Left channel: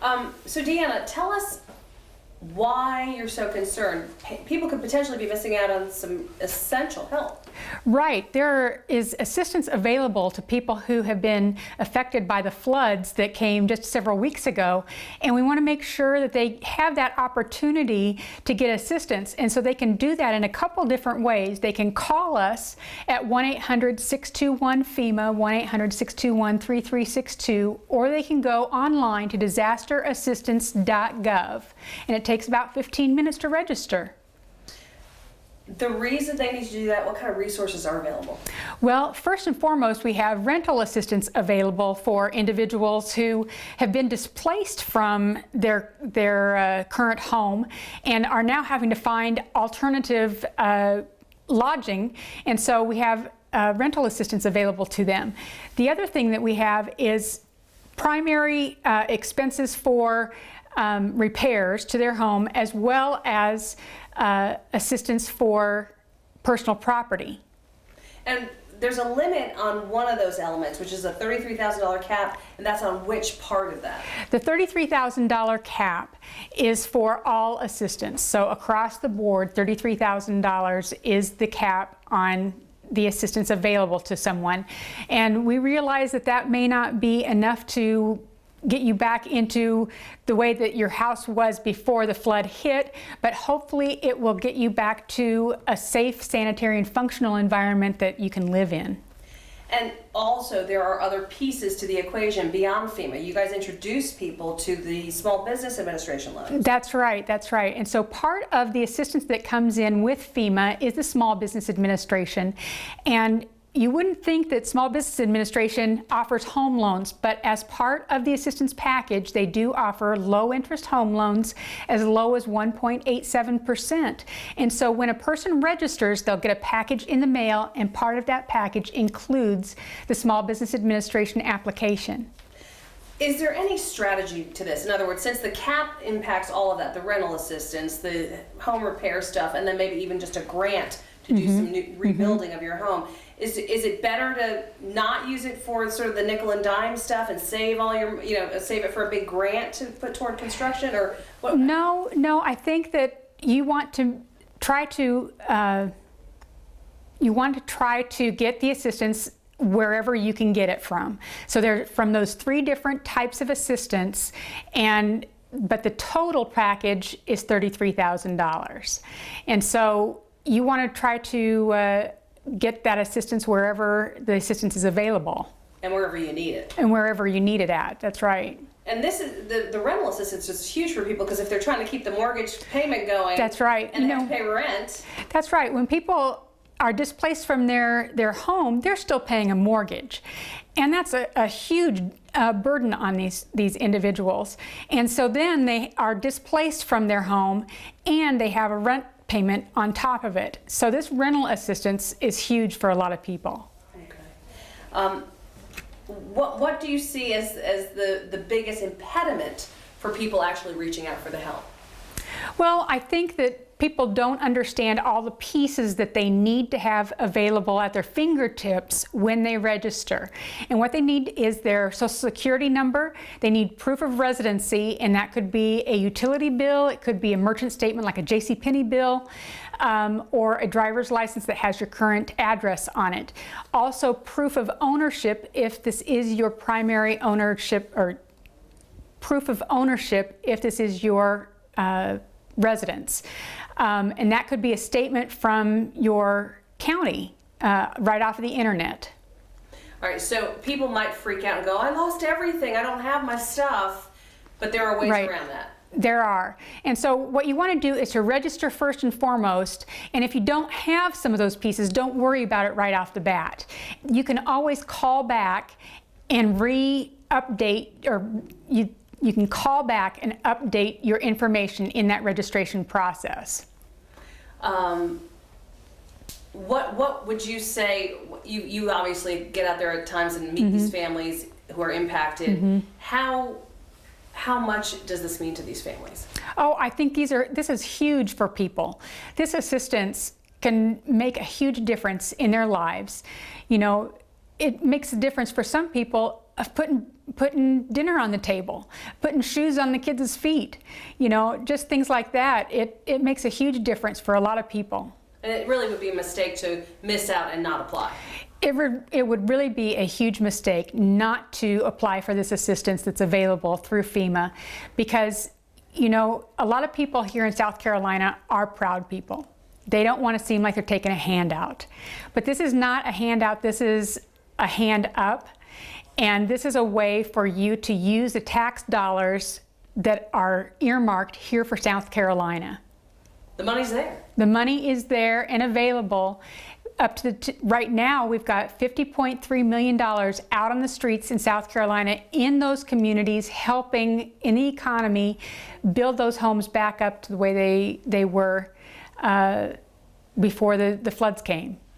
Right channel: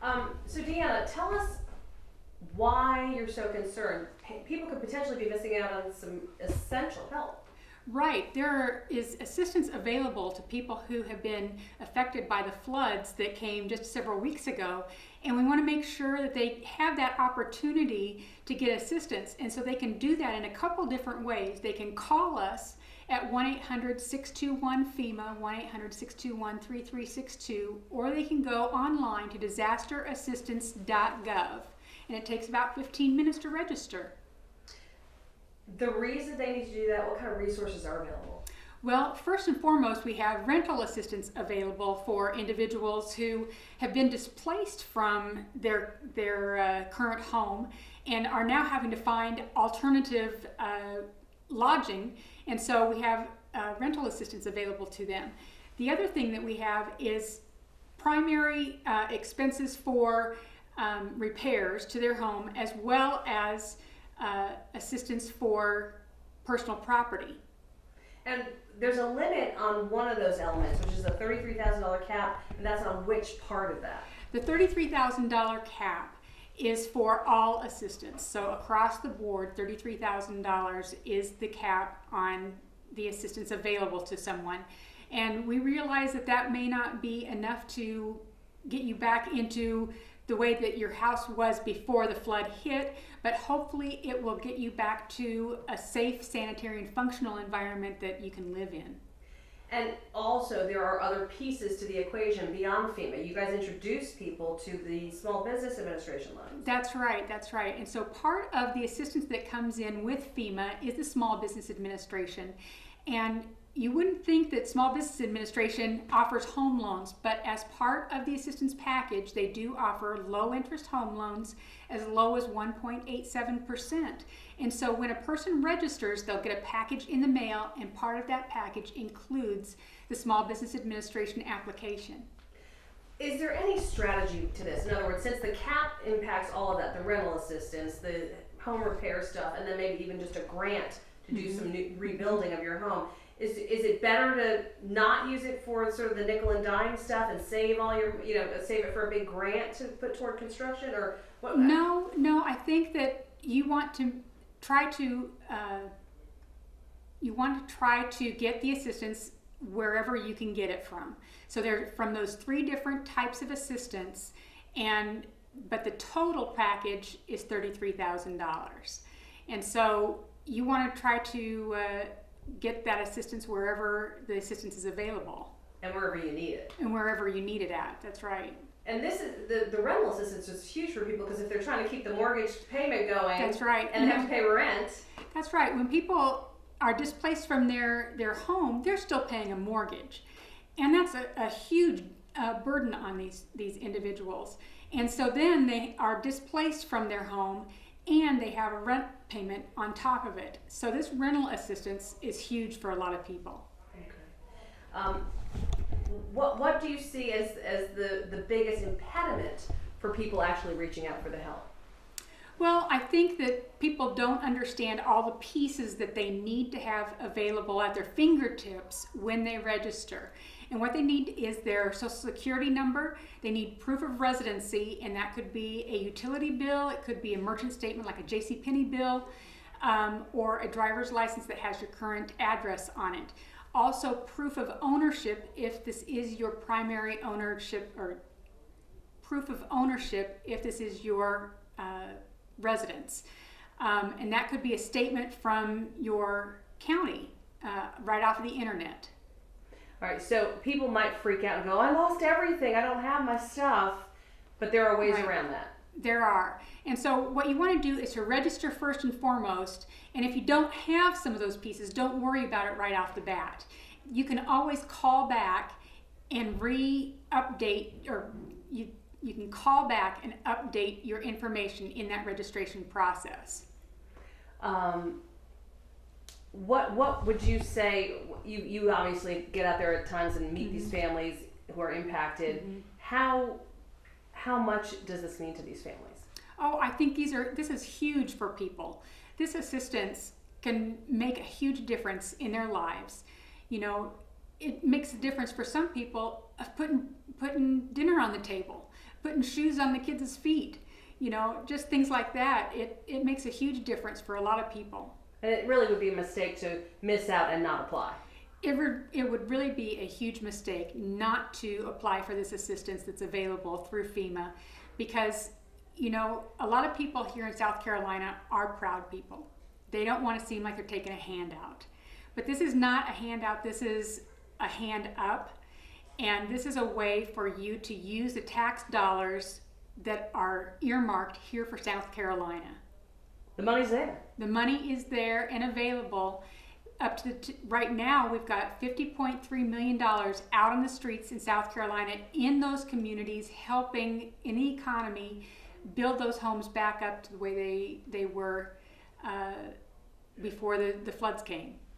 So Deanna, tell us why you're so concerned. People could potentially be missing out on some essential help. Right. There is assistance available to people who have been affected by the floods that came just several weeks ago, and we want to make sure that they have that opportunity to get assistance. And so they can do that in a couple different ways. They can call us at 1-800-621-FEMA, 1-800-621-3362, or they can go online to disasterassistance.gov, and it takes about 15 minutes to register. The reason they need to do that, what kind of resources are available? Well, first and foremost, we have rental assistance available for individuals who have been displaced from their current home and are now having to find alternative lodging, and so we have rental assistance available to them. The other thing that we have is primary expenses for repairs to their home, as well as assistance for personal property. And there's a limit on one of those elements, which is a $33,000 cap, and that's on which part of that? The $33,000 cap is for all assistance. So across the board, $33,000 is the cap on the assistance available to someone. And we realize that that may not be enough to get you back into the way that your house was before the flood hit, but hopefully it will get you back to a safe, sanitary, and functional environment that you can live in. And also there are other pieces to the equation beyond FEMA. You guys introduce people to the Small Business Administration loan. That's right, that's right. And so part of the assistance that comes in with FEMA is the Small Business Administration. And you wouldn't think that Small Business Administration offers home loans, but as part of the assistance package, they do offer low-interest home loans as low as 1.87%. And so when a person registers, they'll get a package in the mail, and part of that package includes the Small Business Administration application. Is there any strategy to this? In other words, since the cap impacts all of that, the rental assistance, the home repair stuff, and then maybe even just a grant to do some new rebuilding of your home, is it better to not use it for sort of the nickel and dime stuff and save all your, save it for a big grant to put toward construction, or what? No, I think that you want to try to get the assistance wherever you can get it from. So they're from those three different types of assistance, but the total package is $33,000. And so you want to try to get that assistance wherever the assistance is available. And wherever you need it. And wherever you need it at, that's right. And this is the rental assistance is huge for people, because if they're trying to keep the mortgage payment going, that's right, and they have to pay rent. That's right. When people are displaced from their home, they're still paying a mortgage, and that's a huge burden on these individuals. And so then they are displaced from their home, and they have a rent payment on top of it. So this rental assistance is huge for a lot of people. Okay. What do you see as the biggest impediment for people actually reaching out for the help? Well, I think that people don't understand all the pieces that they need to have available at their fingertips when they register. And what they need is their Social Security number. They need proof of residency, and that could be a utility bill, it could be a merchant statement like a JCPenney bill, or a driver's license that has your current address on it. Also, proof of ownership if this is your primary ownership, or proof of ownership if this is your residence. And that could be a statement from your county right off of the internet. All right, so people might freak out and go, I lost everything, I don't have my stuff, but there are ways around that. There are. And so what you want to do is to register first and foremost, and if you don't have some of those pieces, don't worry about it right off the bat. You can always call back and re-update, or you can call back and update your information in that registration process. What would you say, you obviously get out there at times and meet these families who are impacted. How much does this mean to these families? Oh, I think this is huge for people. This assistance can make a huge difference in their lives. You know, it makes a difference for some people of putting dinner on the table, putting shoes on the kids' feet, you know, just things like that. It makes a huge difference for a lot of people. And it really would be a mistake to miss out and not apply. It would really be a huge mistake not to apply for this assistance that's available through FEMA, because, you know, a lot of people here in South Carolina are proud people. They don't want to seem like they're taking a handout. But this is not a handout, this is a hand up. And this is a way for you to use the tax dollars that are earmarked here for South Carolina. The money's there. The money is there and available. Up to right now, we've got $50.3 million out on the streets in South Carolina in those communities, helping in the economy build those homes back up to the way they were before the floods came.